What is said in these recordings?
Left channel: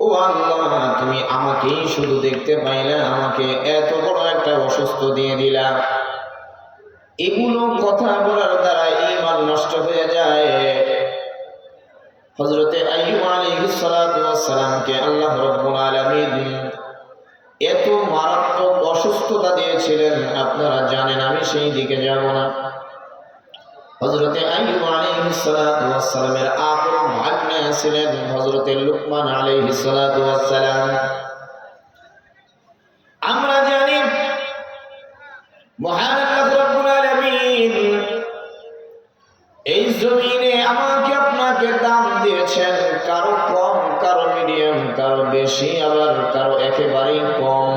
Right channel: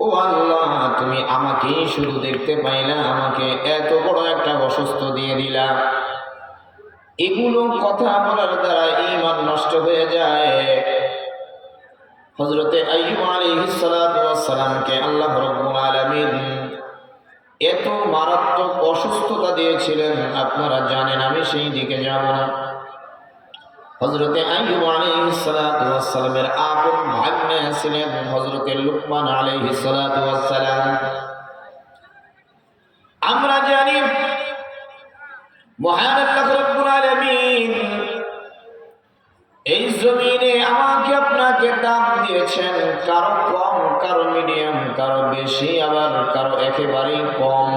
ও আল্লাহ, তুমি আমাকেই শুধু দেখতে পাইলা, আমাকে এত বড় একটা অসুস্থ দিয়ে দিলা। এগুলো কথা বলার দ্বারা ঈমান নষ্ট হয়ে যায়। হযরতে আইয়ুব আলাইহিস সালাতু ওয়াস সালামকে আল্লাহ রাব্বুল আলামিন এত মারাত্মক অসুস্থতা দিয়েছিলেন, আপনারা জানেন, আমি সেই দিকে যাব না। হযরতে আইয়ুব আলাইহিস সালাতু ওয়াস সালামের আপন ভাগ্নে ছিলেন হযরতে লুকমান আলাইহিস সালাতু ওয়াস সালাম। আমরা জানি মহান আল্লাহ রাব্বুল আলামিন এই জমিনে আমাকে আপনাকে দাম দিয়েছেন, কারো কম, কারো মিডিয়াম, কারো বেশি, আবার কারো একেবারেই কম।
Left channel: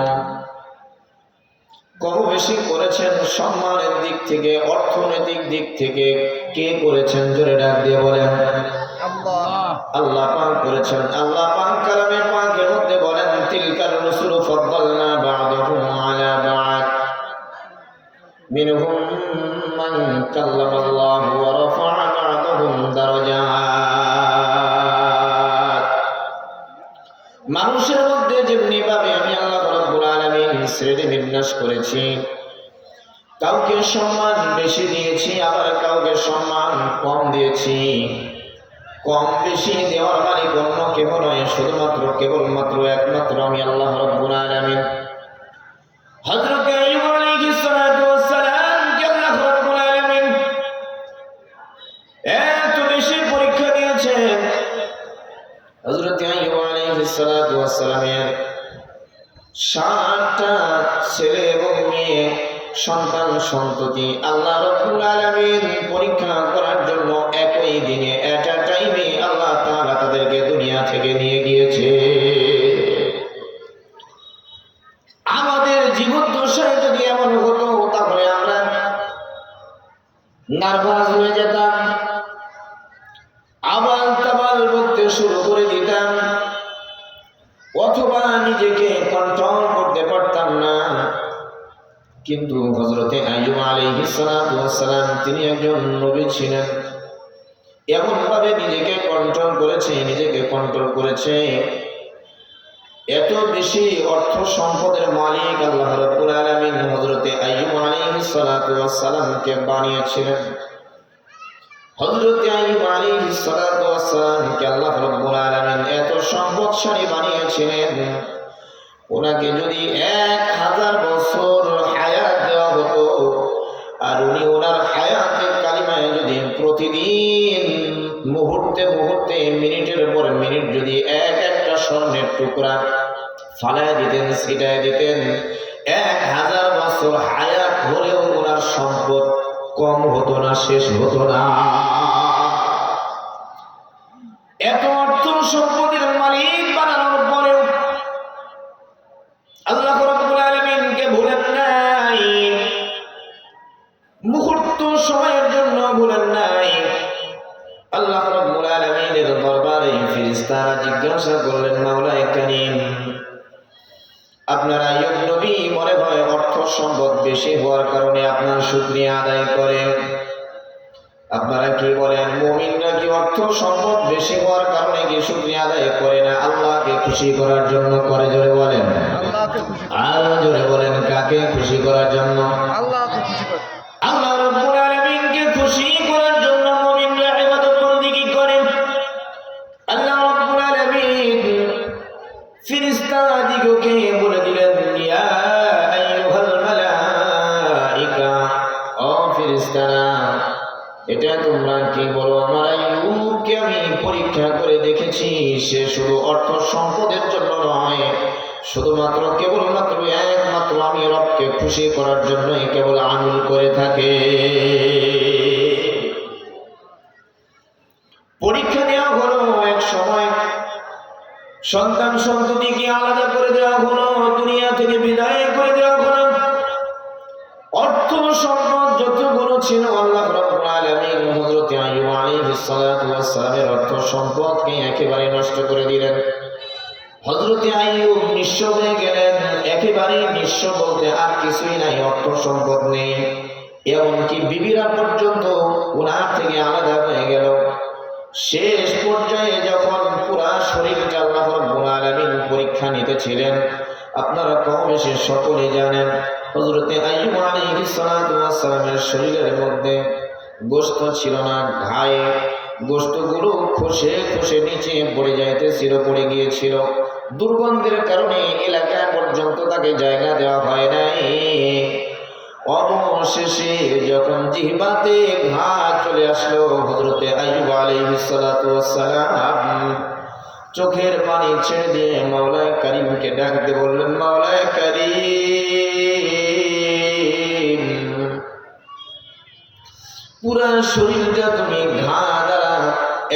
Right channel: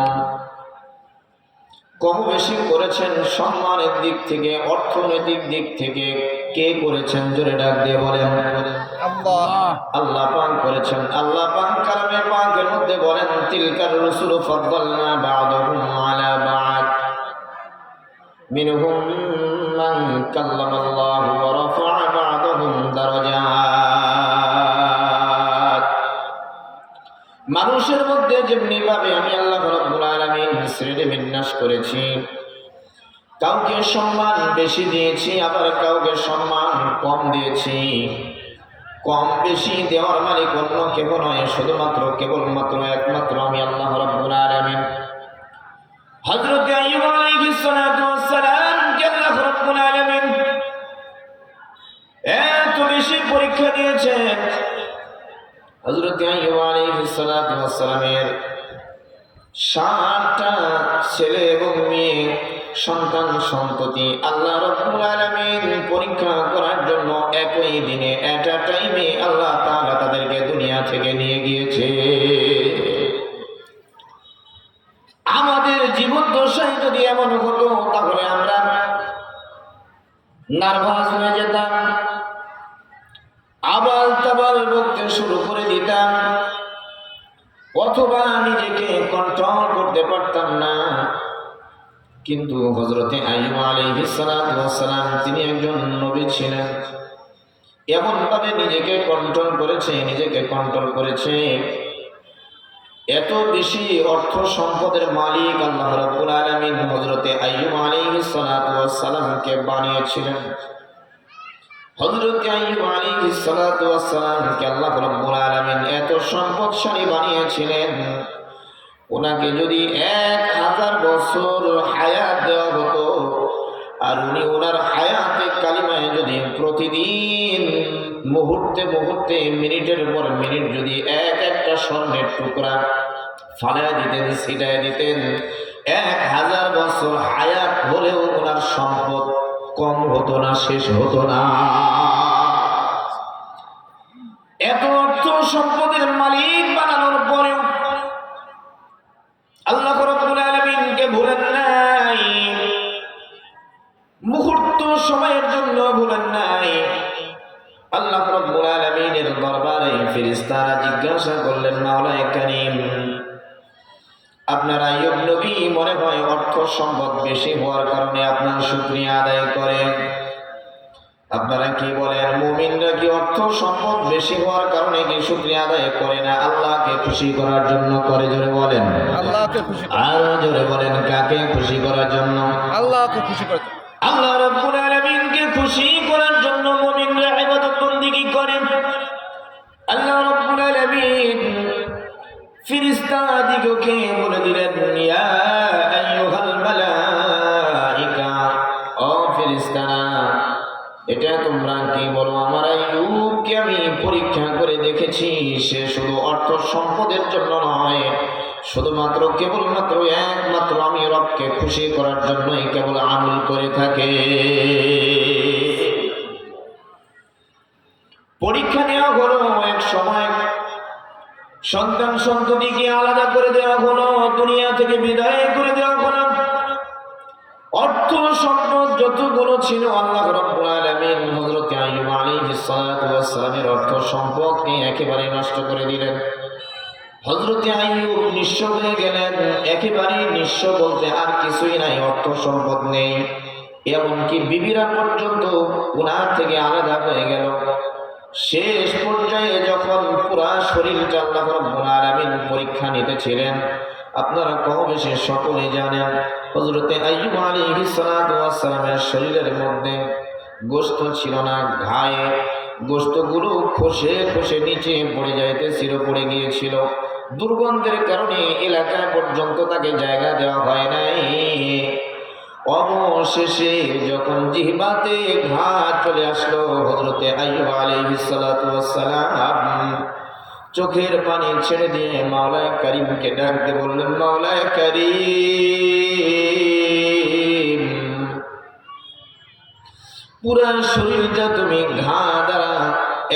কম বেশি করেছেন সম্মানের দিক থেকে, অর্থনৈতিক দিক থেকে। কে করেছেন? জোরে ডাক দিয়ে বলেন। আল্লাহ পাক করেছেন। আল্লাহ পাক কালামে পাকের মধ্যে বলেন, তিলকার রুসুল ফাদ্দালনা বা'দাহুম আলা বা'দ মিনহুম মান কাল্লামাল্লাহু ওয়া রাফা'a বা'দাহুম দারাজাত। মানুষের মধ্যে যেমনি ভাবে আমি আল্লাহ রাব্বুল আলামিন শ্রেণী বিন্যাস করেছি, কাউকে সম্মান বেশি দিয়েছি, আবার কাউকে সম্মান কম দিয়েছি। কম বেশি দেওয়ার মালিক অন্য কেউ নয়, শুধুমাত্র কেবলমাত্র একমাত্র আমি আল্লাহ রাব্বুল আলামিন। হযরত আইয়ুব আলাইহিস সালাতু ওয়াস সালামকে আল্লাহ রাব্বুল আলামিন এত বেশি পরীক্ষা দিয়েছেন। হযরত আইয়ুব আলাইহিস সালাতু ওয়াস সালামের 7টা ছেলে এবং মেয়ে সন্তান সন্ততি আল্লাহ রাব্বুল আলামিন পরীক্ষা করার জন্য একই দিনে এট আ টাইমে আল্লাহ তাআলা তাদেরকে দুনিয়া থেকে নিয়ে গিয়েছে। আমাদের জীবদ্দশায় যদি এমন হতো, তাহলে আমরা নার্ভাস হয়ে যেতাম, আবাল তাবাল বকতে শুরু করে দিতাম, অথবা নিজেকে কন্ট্রোল করতে পারতাম না। কিন্তু হযরতে আইয়ুব আলাইহিস সালাতু ওয়াস সালাম, তিনি একজন নবী ছিলেন। এমন ভাবে নিজেকে কন্ট্রোল করেছে। এত বেশি অর্থ সম্পদের মালিক আল্লাহ রাব্বুল আলামিন হযরতে আইয়ুব আলাইহিস সালাতু ওয়াস সালামকে বানিয়েছিলেন। হযরতে আইয়ুব আলাইহিস সালাতু ওয়াস সালামকে আল্লাহ রাব্বুল আলামিন এত সম্পদশালী বানিয়েছিলেন, ওনাকে যদি 1000 বছর হায়াত দেওয়া হতো, আর উনি ওনার হায়াতে কালিমায় যদি প্রতিদিন মুহূর্তে মুহূর্তে, মিনিটের পর মিনিট যদি একটা স্বর্ণের টুকরা ফালায় দিতেন, ছিটায় দিতেন, 1000 বছর হায়াত হলেও ওনার সম্পদ কম হতো না, শেষ হতো না। এত অর্থ সম্পদের মালিক বানানোর পরেও আল্লাহ রাব্বুল আলামিনকে ভুলেন নাই, মুহূর্ত সময়ের জন্য ভুলেন নাই। আল্লাহ রাব্বুল আলামিনের দরবারে ফেরেশতারা জিজ্ঞাসা করলেন, মাওলায়ে কারীম, আপনার আইয়ুব নবী মনে হয় অর্থ সম্পদ বেশি হওয়ার কারণে আপনার শুকরিয়া আদায় করেন। আপনারা কি বলেন, মুমিনরা কি অর্থ সম্পদ বেশি হওয়ার কারণে কি শুকরিয়া আদায় করে না? আল্লাহকে খুশি করার জন্য করে। জোরে বলেন, আল্লাহকে খুশি। আর জোরে বলেন, কাকে খুশি করার জন্য? আল্লাহকে খুশি করার জন্য। আল্লাহ রাব্বুল আলামিনকে খুশি করার জন্য মুমিনরা ইবাদত বন্দেগী করে। আল্লাহ রাব্বুল আলামিন ফেরেশতাদিগকে বলে দিলেন, ইয়া আইয়ুহাল মালাইকা, ও ফেরেশতারা, এটা তোমরা কি বলো, আমার আইয়ুবকে আমি পরীক্ষা করে দেখেছি, সে শুধু অর্থ সম্পদের জন্য নয়, শুধুমাত্র কেবলমাত্র একমাত্র আমি রবকে খুশি করার জন্যই কেবল আমল করে থাকে। পরীক্ষা নেওয়া হলো, এক সময় সন্তান সন্ততিকে আলাদা করে দেওয়া হলো, দুনিয়া থেকে বিদায় করে দেওয়া হলো। অর্থ সম্পদ যতগুলো ছিল আল্লাহ রাব্বুল আলামিন হযরত আইয়ুব আলাইহিস সালাতু ওয়াস সালামের অর্থ সম্পদকে একেবারে নষ্ট করে দিলেন। হযরত আইয়ুব নিঃস্ব হয়ে গেলেন, একেবারে নিঃস্ব বলতে আর কিছুই নাই, অর্থ সম্পদ নেই। এমনকি বিবিরা পর্যন্ত ওনার থেকে আলাদা হয়ে গেল। শেষ পর্যায়ে যখন পুরা শরীরটা আল্লাহ রাব্বুল আলামিন পরীক্ষা নিতেছিলেন। আপনারা কম বেশি সকলে জানেন হযরতে আইয়ুব আলাইহিস সালাতু ওয়াস সালামের শরীরের মধ্যে গোশত ছিল না, ঘায়ে গোশতগুলো খসে খসে নিচে পড়ে যাইতেছিল, পড়ে গিয়েছিল। দুর্গন্ধের কারণে এলাকা পর্যন্ত তাকে জায়গা দেওয়া হয় নাই। অবশেষে যখন জিহ্বাতে ঘা চলে আসলো, হযরতে আইয়ুব আলাইহিস সালাতু ওয়াস সালাম চোখের পানি ছেড়ে দিয়ে মাওলায়ে কারীমকে ডাক দিয়ে বললেন, মাওলায়ে কারীম, পুরা শরীরটা তুমি ঘা দ্বারা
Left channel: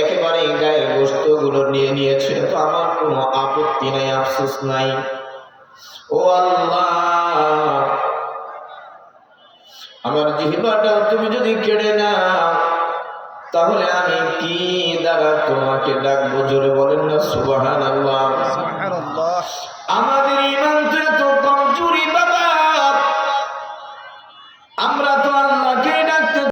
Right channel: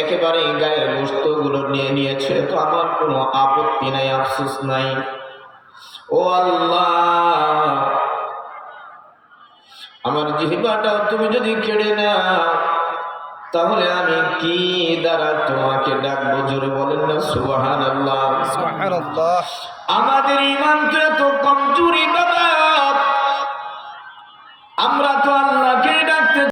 একেবারে গায়ের গোশতগুলো নিয়ে নিয়েছে, তো আমার কোনো আপত্তি নাই, আফসোস নাই। ও আল্লাহ, আমার জিহ্বাটা তুমি যদি কেড়ে নাও তাহলে আমি কি দ্বারা তোমাকে ডাকবো? জোরে বলেন না সুবহানাল্লাহ। সুবহানাল্লাহ। আমাদের ঈমান তো এত কমজোরি বাবা, আমরা তো আল্লাহ